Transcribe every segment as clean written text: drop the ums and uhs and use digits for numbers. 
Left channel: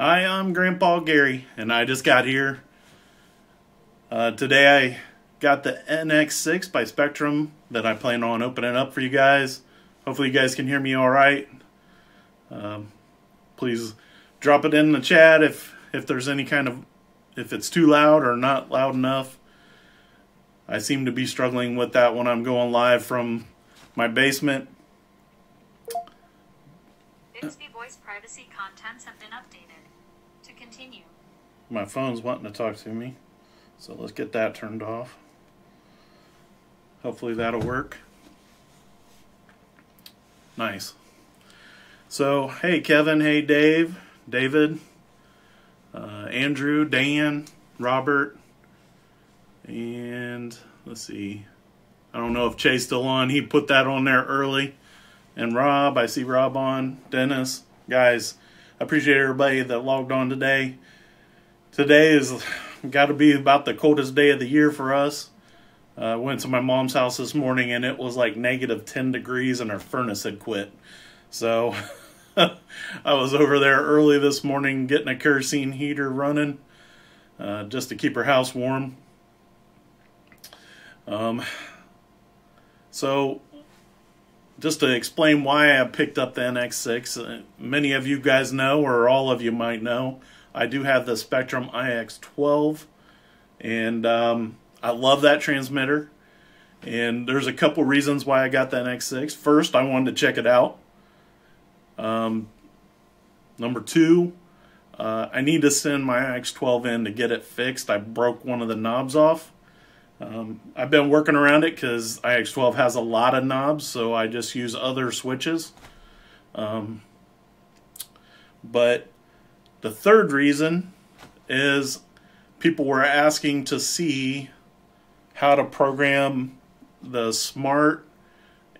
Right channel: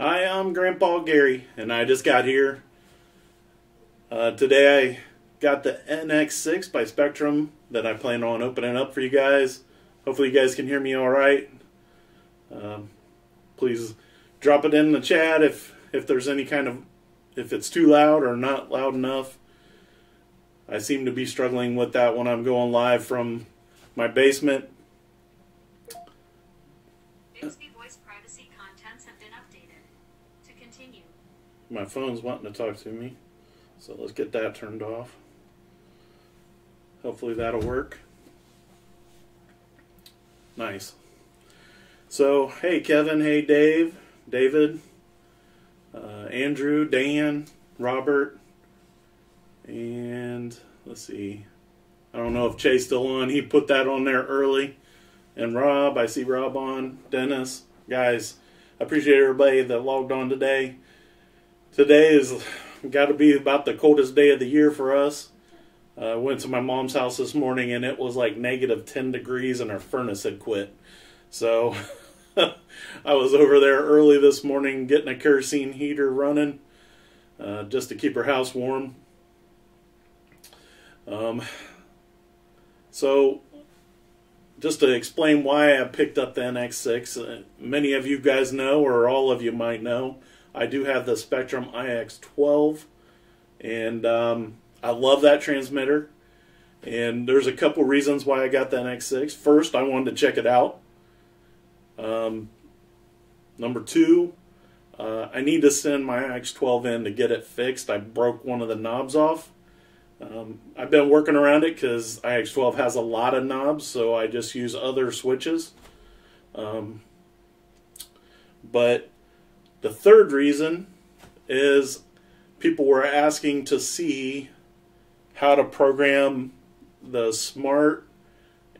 Hi, I'm Grandpa Gary, and I just got here. Today I got the NX6 by Spektrum that I plan on opening up for you guys. Hopefully you guys can hear me alright. Please drop it in the chat if there's any kind of, if it's too loud or not loud enough. I seem to be struggling with that when I'm going live from my basement. Bixby voice privacy contents have been updated. To continue. My phone's wanting to talk to me, so let's get that turned off. Hopefully that'll work. Nice. So, hey Kevin, hey Dave, David, Andrew, Dan, Robert, and let's see. I don't know if Chase still on. He put that on there early. And Rob, I see Rob on. Dennis, guys, I appreciate everybody that logged on today. Today is got to be about the coldest day of the year for us. Went to my mom's house this morning and it was like -10 degrees and her furnace had quit. So I was over there early this morning getting a kerosene heater running just to keep her house warm. So just to explain why I picked up the NX6, many of you guys know, or all of you might know, I do have the Spektrum IX12, and I love that transmitter. And there's a couple reasons why I got the NX6. First, I wanted to check it out. Number two, I need to send my IX12 in to get it fixed. I broke one of the knobs off. I've been working around it because IX12 has a lot of knobs, so I just use other switches. But the third reason is people were asking to see how to program the Smart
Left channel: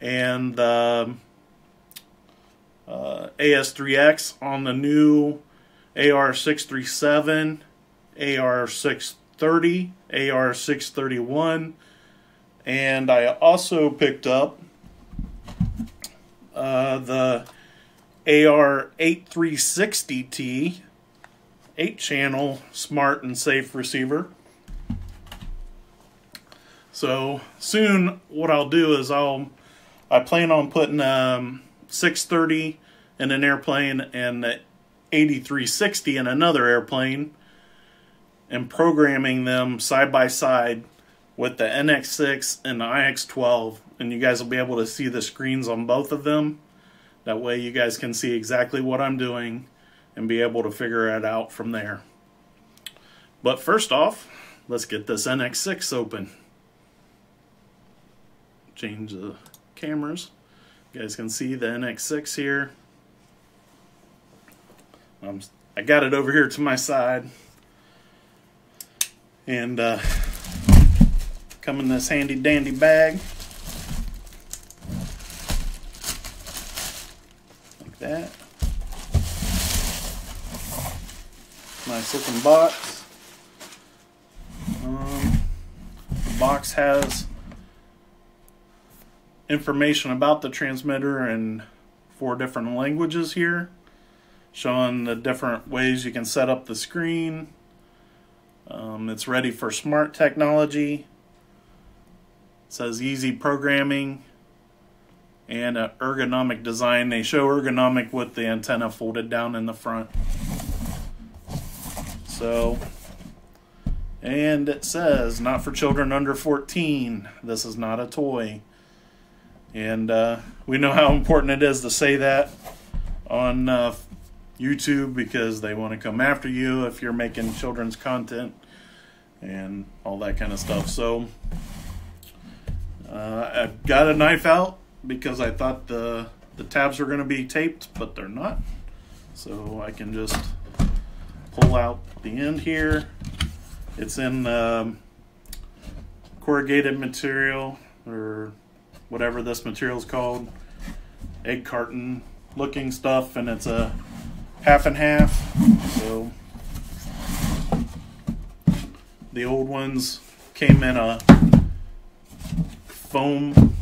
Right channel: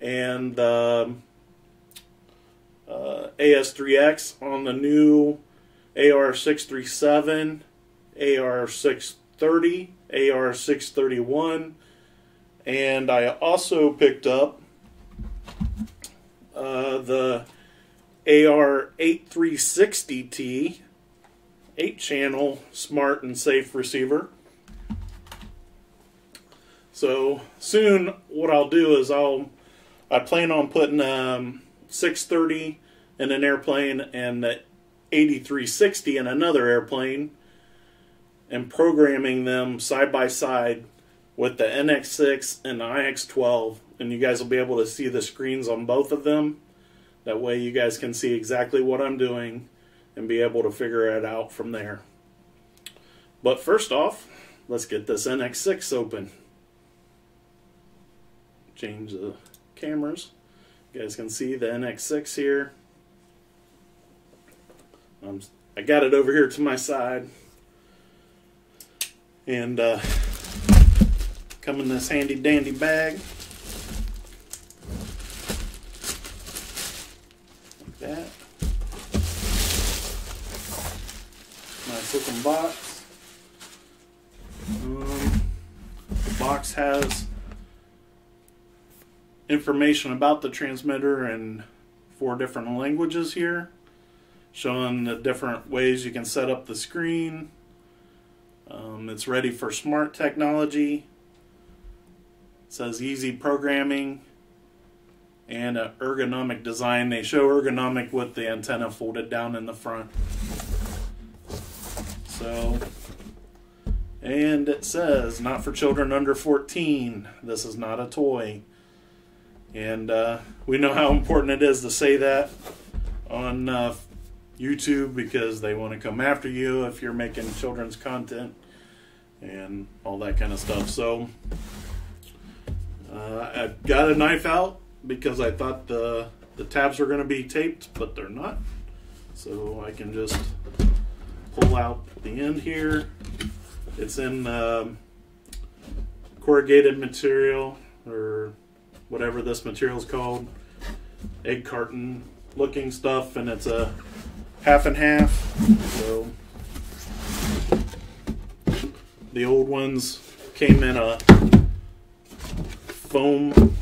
and the AS3X on the new AR637, AR630, AR631, and I also picked up the AR8360T 8-channel smart and safe receiver. So soon what I'll do is I plan on putting 630 in an airplane and the 8360 in another airplane and programming them side by side with the NX6 and the IX12, and you guys will be able to see the screens on both of them. That way you guys can see exactly what I'm doing and be able to figure it out from there. But first off, let's get this NX6 open. Change the cameras. You guys can see the NX6 here. I got it over here to my side. And come in this handy dandy bag. Like that. Nice looking box. The box has information about the transmitter in 4 different languages here, showing the different ways you can set up the screen. It's ready for smart technology. It says easy programming and an ergonomic design. They show ergonomic with the antenna folded down in the front. So, and it says not for children under 14. This is not a toy. And we know how important it is to say that on YouTube, because they want to come after you if you're making children's content and all that kind of stuff. So I got a knife out because I thought the tabs were going to be taped, but they're not. So I can just pull out the end here. It's in corrugated material, or whatever this material is called, egg carton looking stuff, and it's a half and half. So the old ones came in a foam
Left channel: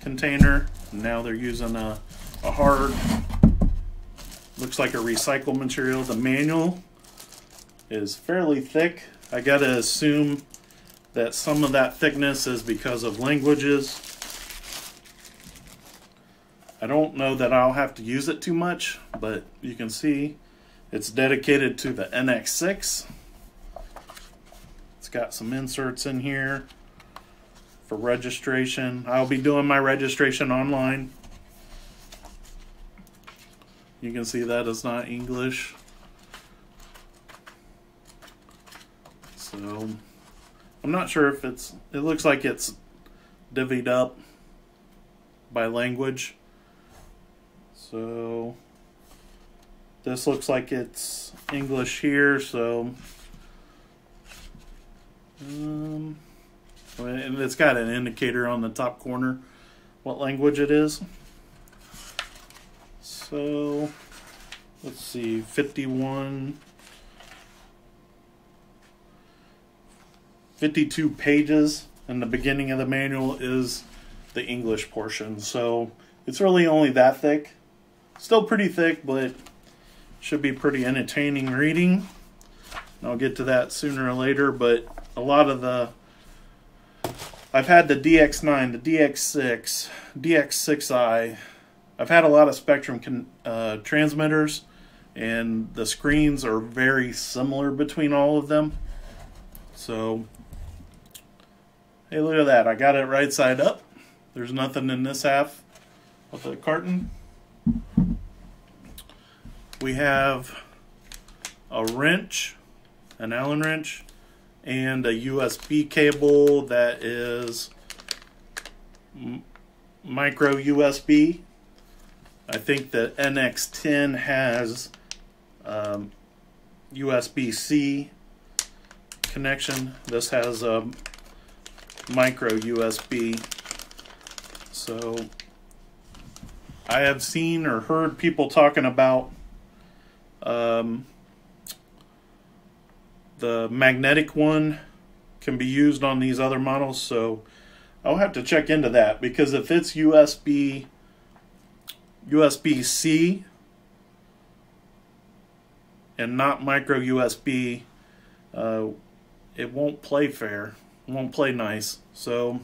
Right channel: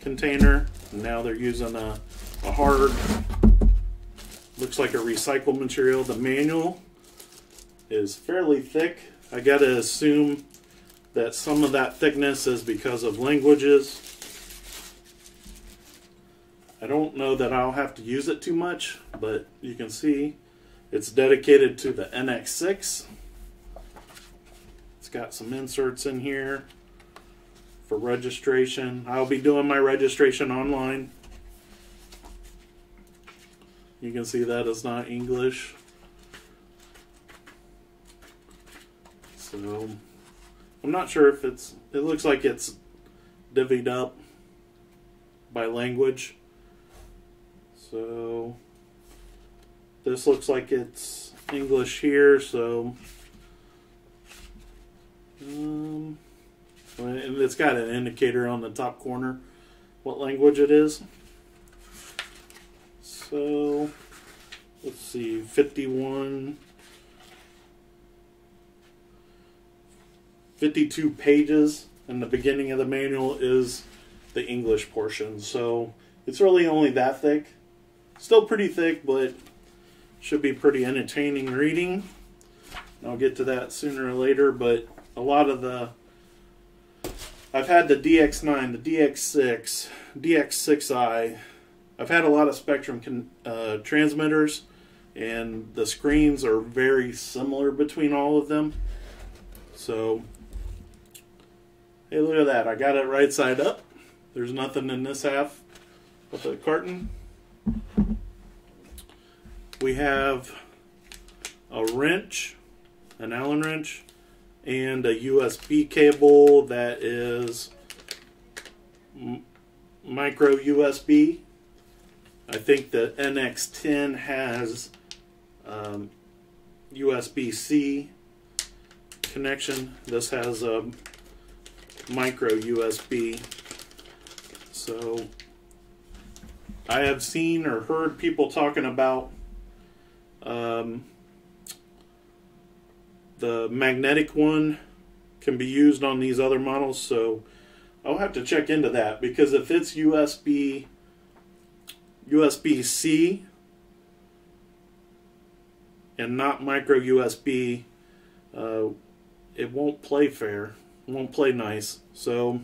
container. Now they're using a hard Looks like a recycled material. The manual is fairly thick. I gotta assume that some of that thickness is because of languages. I don't know that I'll have to use it too much, but you can see it's dedicated to the NX6. It's got some inserts in here for registration. I'll be doing my registration online. You can see that is not English. So I'm not sure if it looks like it's divvied up by language. So this looks like it's English here, so and it's got an indicator on the top corner what language it is. So let's see, 52 pages, and the beginning of the manual is the English portion. So it's really only that thick. Still pretty thick, but should be pretty entertaining reading. And I'll get to that sooner or later, but a lot of I've had the DX9, the DX6, DX6i. I've had a lot of Spektrum transmitters, and the screens are very similar between all of them. So, hey, look at that. I got it right side up. There's nothing in this half of the carton. We have a wrench, an Allen wrench, and a USB cable that is micro USB. I think the NX10 has USB-C connection. This has a micro USB. So I have seen or heard people talking about the magnetic one can be used on these other models, so I'll have to check into that, because if it's USB-C and not micro USB, it won't play fair. It won't play nice. So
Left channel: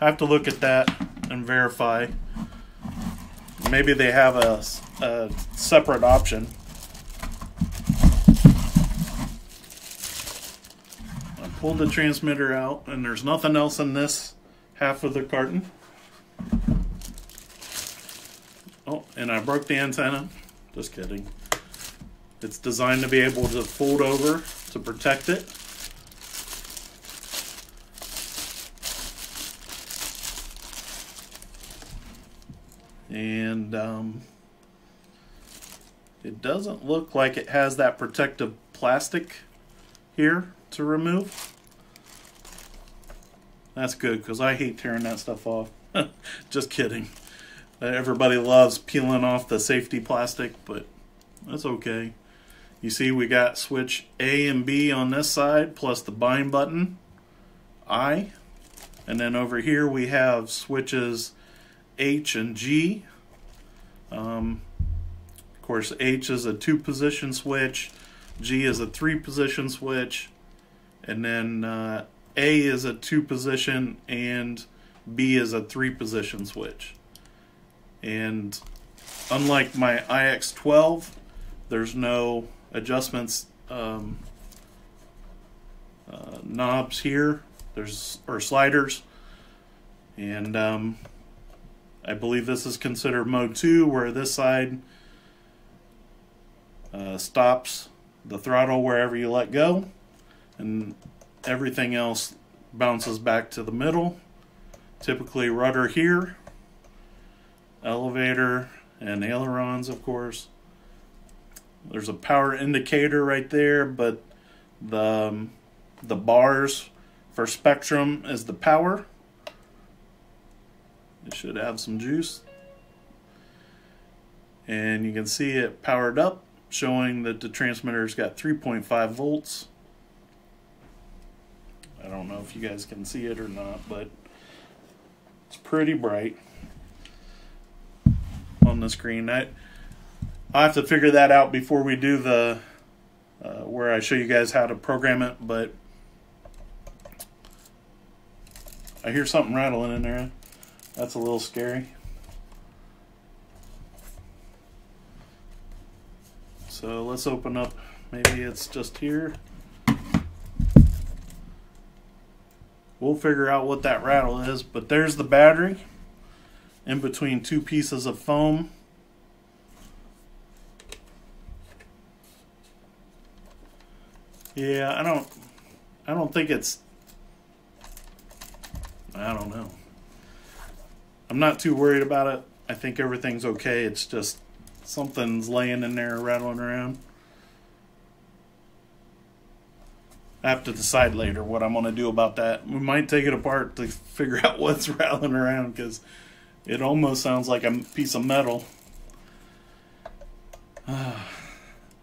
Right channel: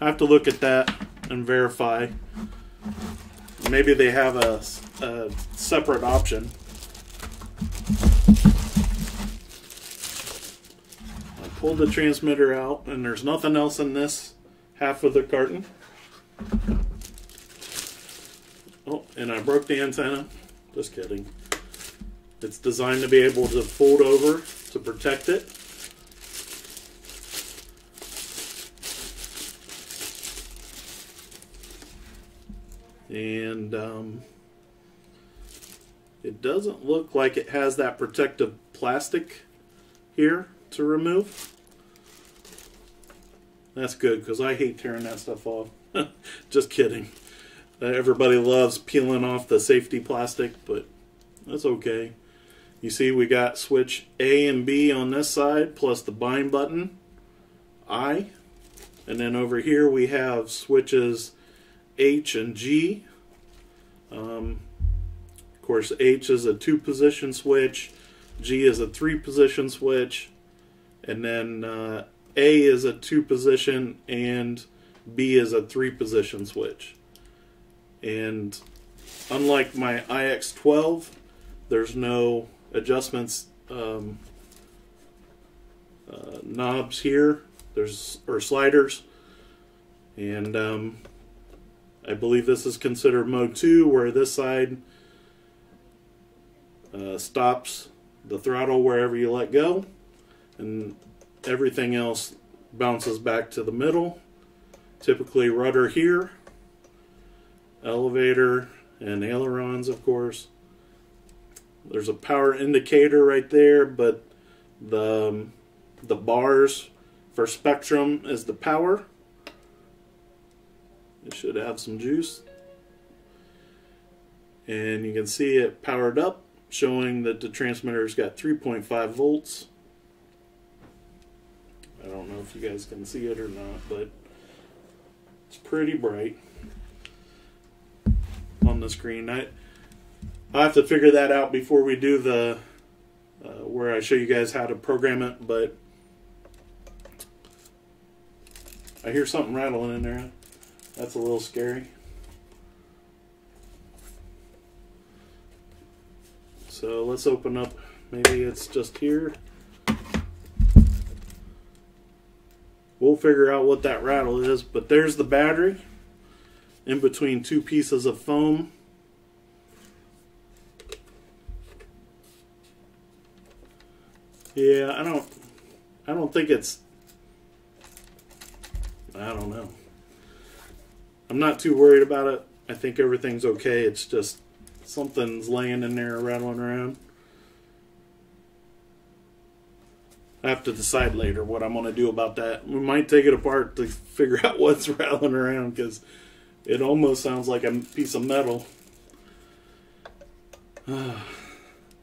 I have to look at that and verify. Maybe they have a separate option. I pulled the transmitter out, and there's nothing else in this half of the carton. Oh, and I broke the antenna. Just kidding. It's designed to be able to fold over to protect it. And it doesn't look like it has that protective plastic here to remove. That's good, because I hate tearing that stuff off. Just kidding. Everybody loves peeling off the safety plastic, but that's okay. You see we got switch A and B on this side, plus the bind button, I. And then over here we have switches H and G. Of course, H is a 2-position switch, G is a 3-position switch, and then A is a 2-position and B is a 3-position switch. And unlike my IX12, there's no adjustments knobs here. Or sliders. And I believe this is considered mode 2, where this side stops the throttle wherever you let go, and everything else bounces back to the middle. Typically rudder here, elevator, and ailerons, of course. There's a power indicator right there, but the bars for Spektrum is the power. It should have some juice. And you can see it powered up, showing that the transmitter's got 3.5 volts. I don't know if you guys can see it or not, but it's pretty bright on the screen. I'll have to figure that out before we do the where I show you guys how to program it, but I hear something rattling in there. That's a little scary. So let's open up, maybe it's just here. We'll figure out what that rattle is, but there's the battery in between two pieces of foam. Yeah, I don't think it's, I don't know. I'm not too worried about it. I think everything's okay. It's just something's laying in there rattling around. I have to decide later what I'm going to do about that. We might take it apart to figure out what's rattling around, because it almost sounds like a piece of metal.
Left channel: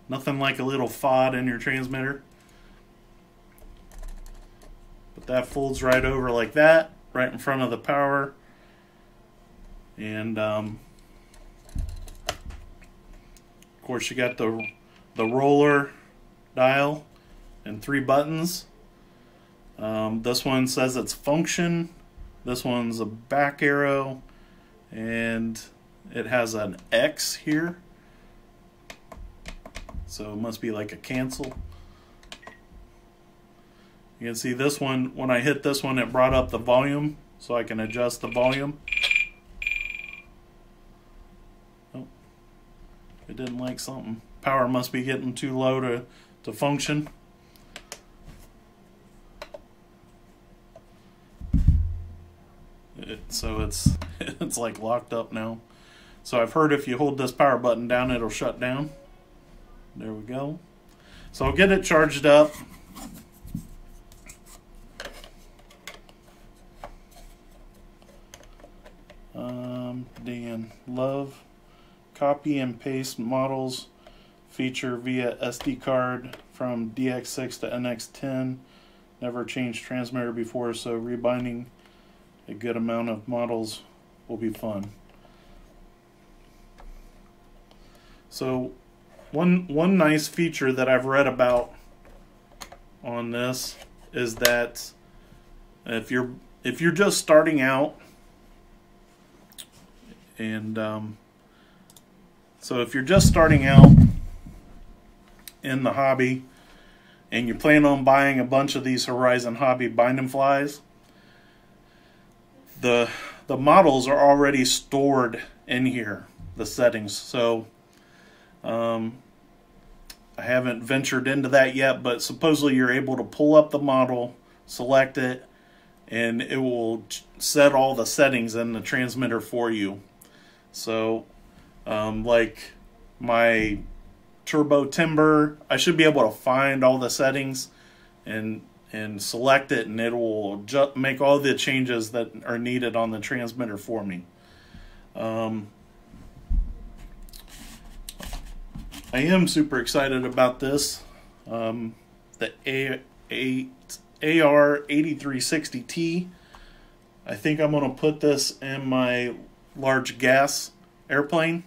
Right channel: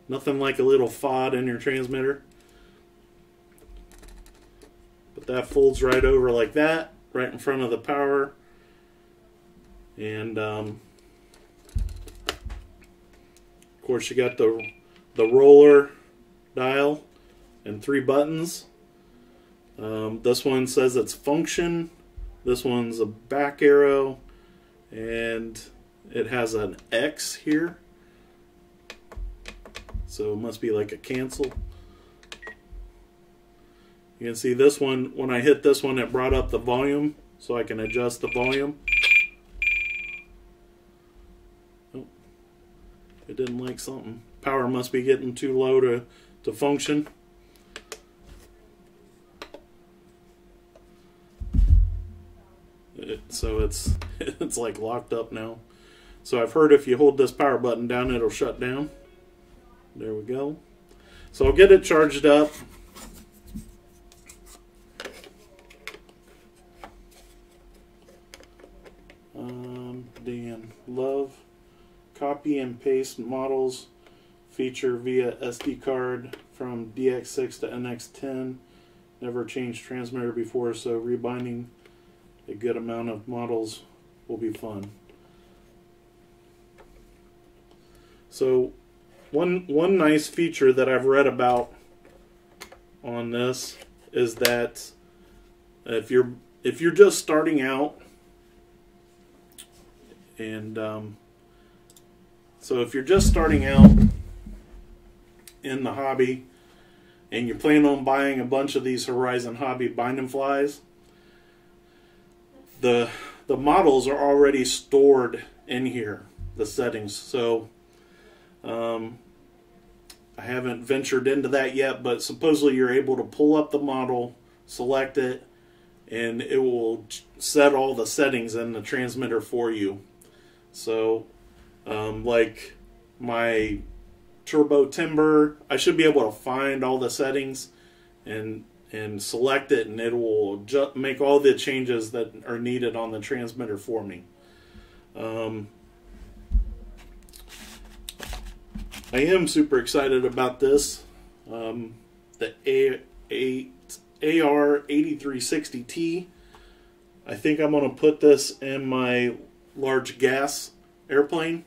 Nothing like a little FOD in your transmitter. But that folds right over like that, right in front of the power. And of course you got the roller dial and 3 buttons. This one says it's function. This one's a back arrow, and it has an X here. So it must be like a cancel. You can see this one, when I hit this one, it brought up the volume, so I can adjust the volume. Oh, it didn't like something. Power must be getting too low to function. So it's like locked up now. So I've heard if you hold this power button down, it'll shut down. There we go. So I'll get it charged up. Dan, love, copy and paste models feature via SD card from DX6 to NX10. Never changed transmitter before, so rebinding a good amount of models will be fun. So one nice feature that I've read about on this is that if you're just starting out, and so if you're just starting out in the hobby and you're planning on buying a bunch of these Horizon Hobby binding flies, the models are already stored in here, the settings. So I haven't ventured into that yet, but supposedly you're able to pull up the model, select it, and it will set all the settings in the transmitter for you. So like my turbo timber, I should be able to find all the settings and select it, and it will just make all the changes that are needed on the transmitter for me. I am super excited about this. The AR8360T. I think I'm going to put this in my large gas airplane.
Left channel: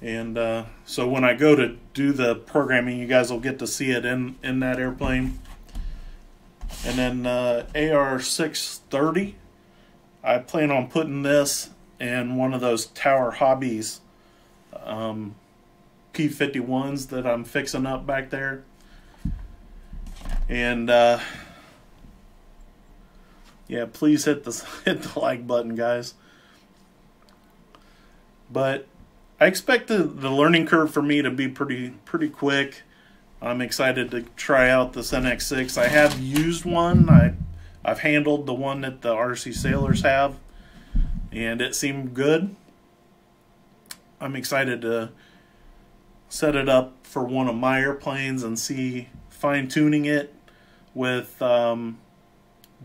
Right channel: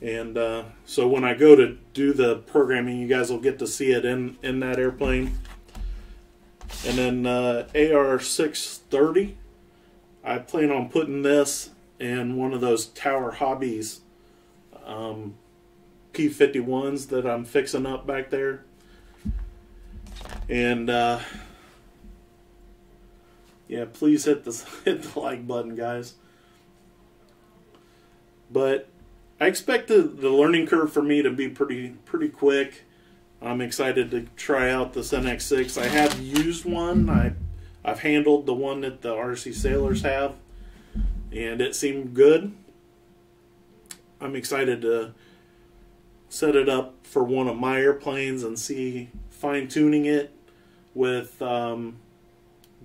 And so when I go to do the programming, you guys will get to see it in that airplane. And then AR630, I plan on putting this in one of those Tower Hobbies P51s that I'm fixing up back there. And yeah, please hit the like button, guys. But I expect the learning curve for me to be pretty quick. I'm excited to try out this NX6. I have used one. I've handled the one that the RC Sailors have, and it seemed good. I'm excited to set it up for one of my airplanes and see fine-tuning it with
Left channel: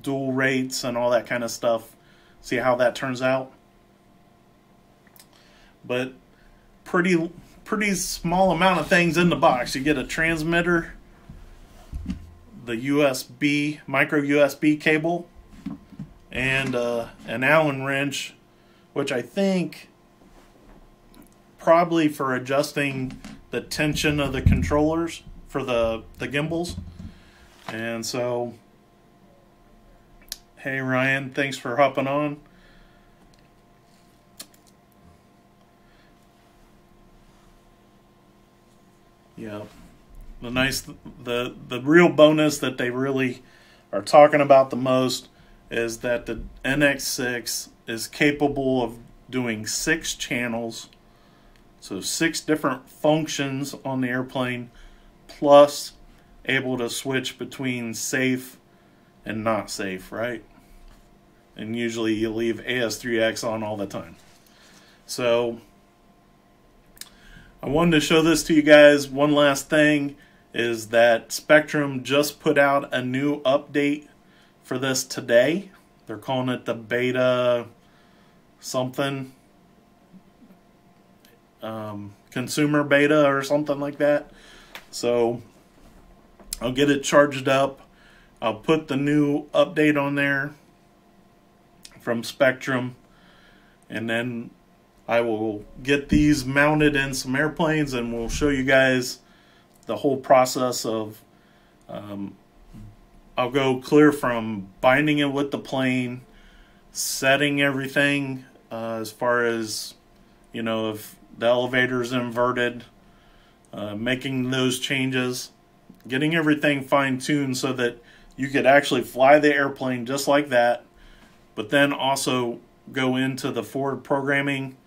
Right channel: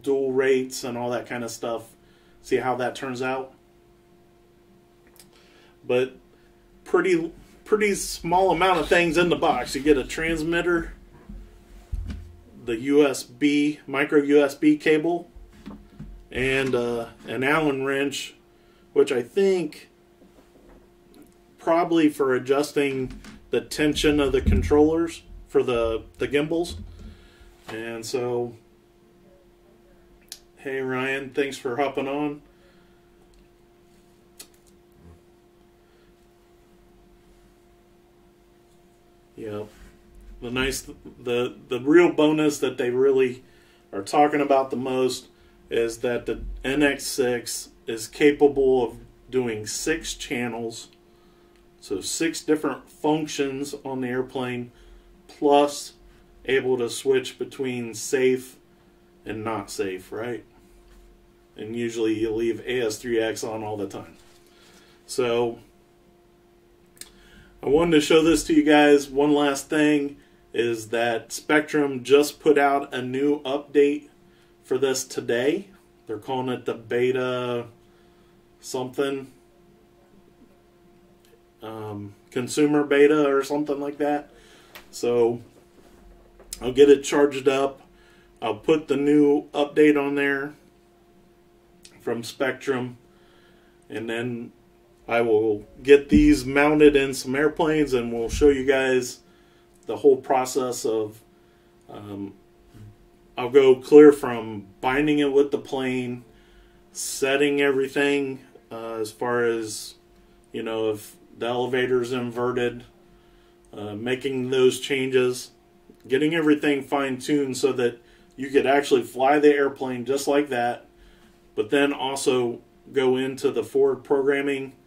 dual rates and all that kind of stuff. See how that turns out. But pretty small amount of things in the box. You get a transmitter, the USB, micro USB cable, and an Allen wrench, which I think probably for adjusting the tension of the controllers for the gimbals. And so, hey Ryan, thanks for hopping on. Yeah, the real bonus that they really are talking about the most is that the NX6 is capable of doing 6 channels, so 6 different functions on the airplane, plus able to switch between safe and not safe, right? And usually you leave AS3X on all the time. So I wanted to show this to you guys. One last thing is that Spektrum just put out a new update for this today. They're calling it the beta something, consumer beta or something like that. So I'll get it charged up. I'll put the new update on there from Spektrum, and then I will get these mounted in some airplanes, and we'll show you guys the whole process of I'll go clear from binding it with the plane, setting everything as far as, you know, if the elevator's inverted, making those changes, getting everything fine-tuned so that you could actually fly the airplane just like that, but then also go into the forward programming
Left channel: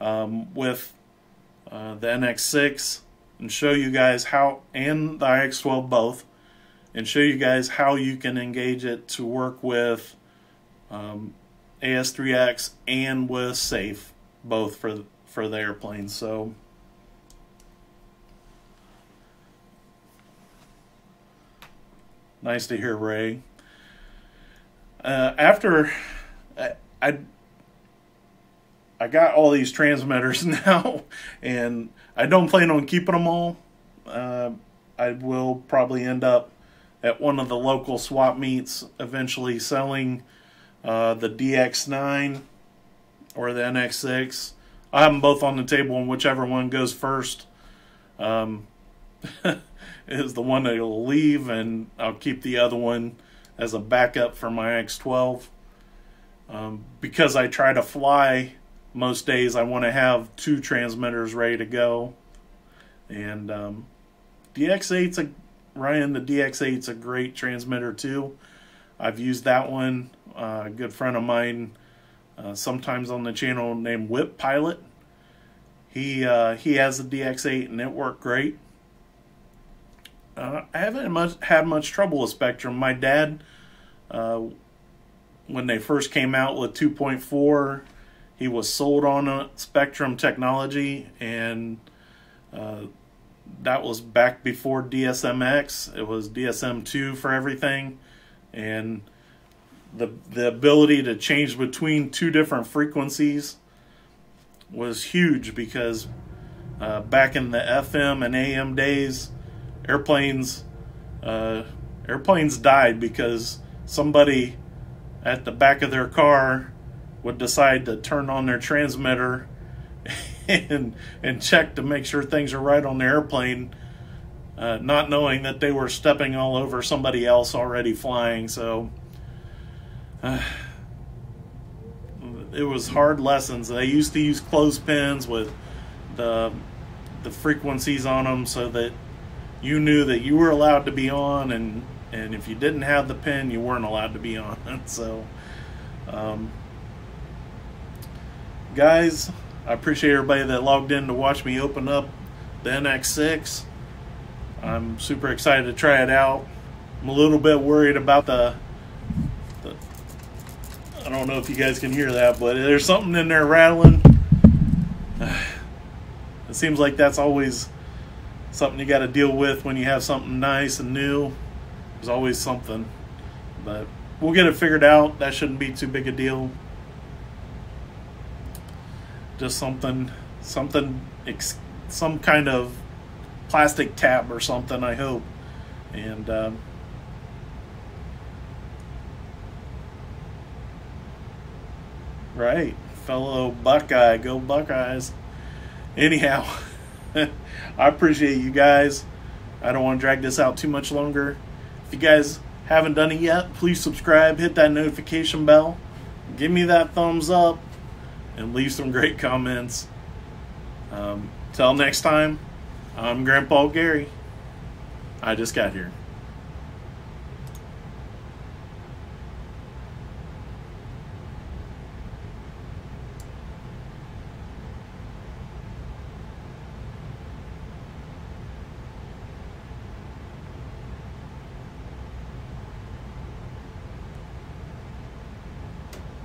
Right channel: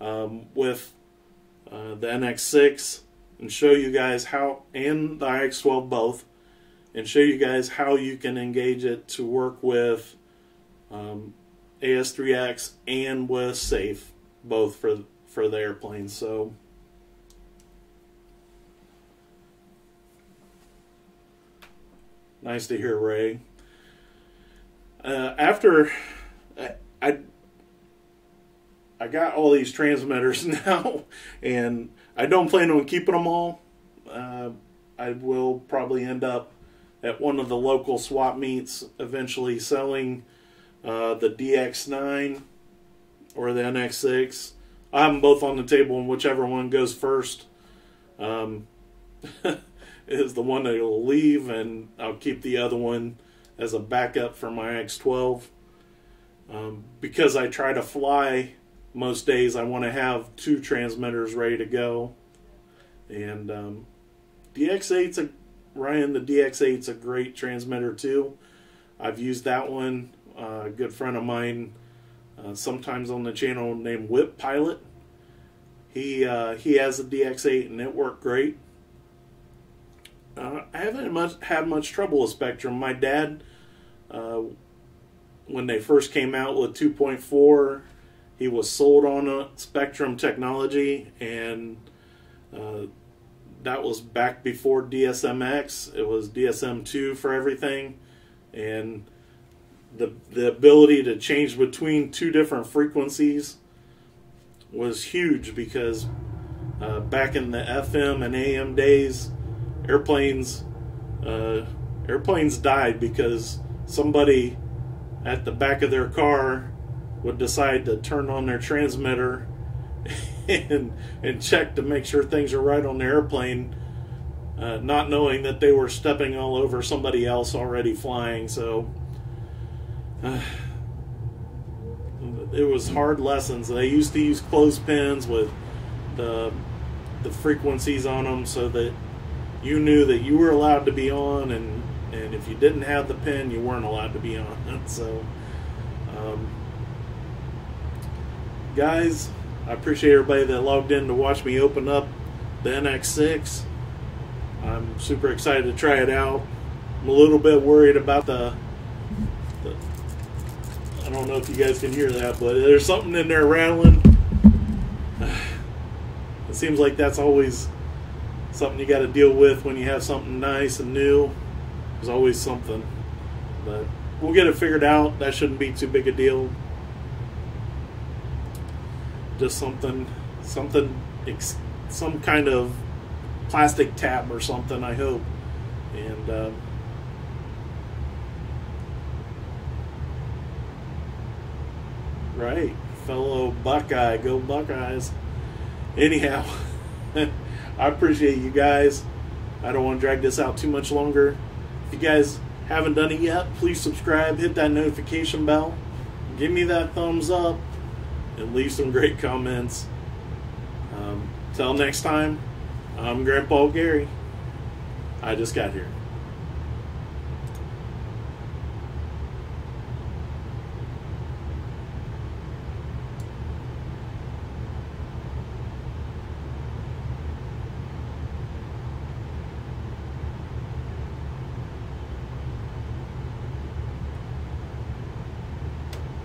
with the NX6 and show you guys how, and the IX12 both, and show you guys how you can engage it to work with AS3X and with safe, both for the airplane. So nice to hear, Ray. After I got all these transmitters now, and I don't plan on keeping them all. I will probably end up at one of the local swap meets eventually selling the DX9 or the NX6. I have them both on the table, and whichever one goes first is the one that will leave, and I'll keep the other one as a backup for my X12. Because I try to fly most days, I want to have 2 transmitters ready to go. And DX8's Ryan, the DX8's a great transmitter too. I've used that one. A good friend of mine, sometimes on the channel, named Whip Pilot. He has a DX8 and it worked great. I haven't had much trouble with Spektrum. My dad, when they first came out with 2.4, he was sold on a Spektrum technology, and that was back before DSMX. It was DSM2 for everything, and the ability to change between 2 different frequencies was huge, because back in the FM and AM days, airplanes died because somebody at the back of their car would decide to turn on their transmitter and check to make sure things are right on the airplane, not knowing that they were stepping all over somebody else already flying. So it was hard lessons. They used to use clothespins with the frequencies on them so that you knew that you were allowed to be on, and if you didn't have the pin, you weren't allowed to be on. So guys, I appreciate everybody that logged in to watch me open up the NX6. I'm super excited to try it out. I'm a little bit worried about the I don't know if you guys can hear that, but there's something in there rattling. It seems like that's always something you got to deal with when you have something nice and new. There's always something, but we'll get it figured out. That shouldn't be too big a deal. Just some kind of plastic tab or something, I hope. And right, fellow Buckeye, go Buckeyes. Anyhow, I appreciate you guys. I don't want to drag this out too much longer. If you guys haven't done it yet, please subscribe, hit that notification bell, give me that thumbs up, and leave some great comments. Till next time, I'm Grandpa Gary. I just got here.